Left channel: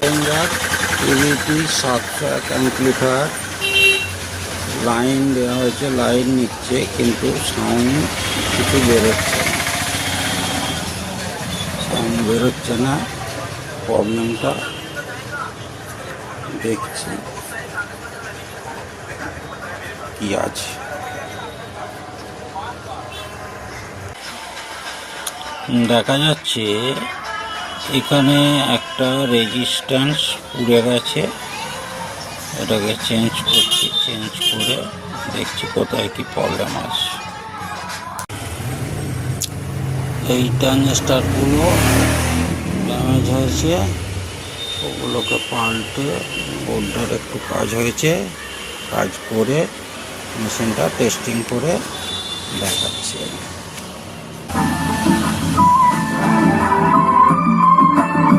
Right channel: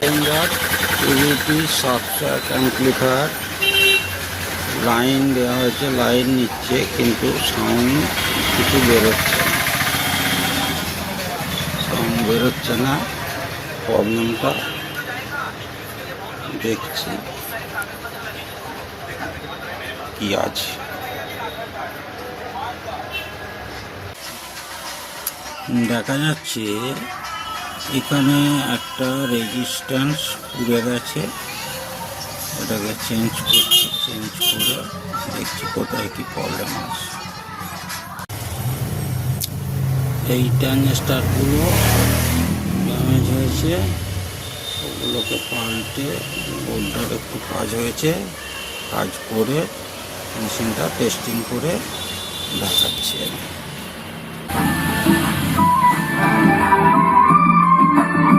Behringer PVT 701 amplifier line দেওয়া হয়েছে, line নিচ্ছে কিন্তু সাউন্ড কিছু বেরোচ্ছে না, সাউন্ড বেরোচ্ছে না। প্রবলেমটা দেখছি কি আছে। দেখা যাচ্ছে এখানে একটা রেজিস্ট্যান্স পুড়ে গেছে, এটাকে চেঞ্জ করছি, চেঞ্জ করে দেখছি কোথায় কি প্রবলেম আছে। এই ট্রানজিস্টারগুলো ড্যামেজ হয়েছে, ওগুলোকে পাল্টে বোর্ডটার একটু কাজ হয়েছে, কাজ করে মেশিনটা টেস্টিং করে দেখাচ্ছি।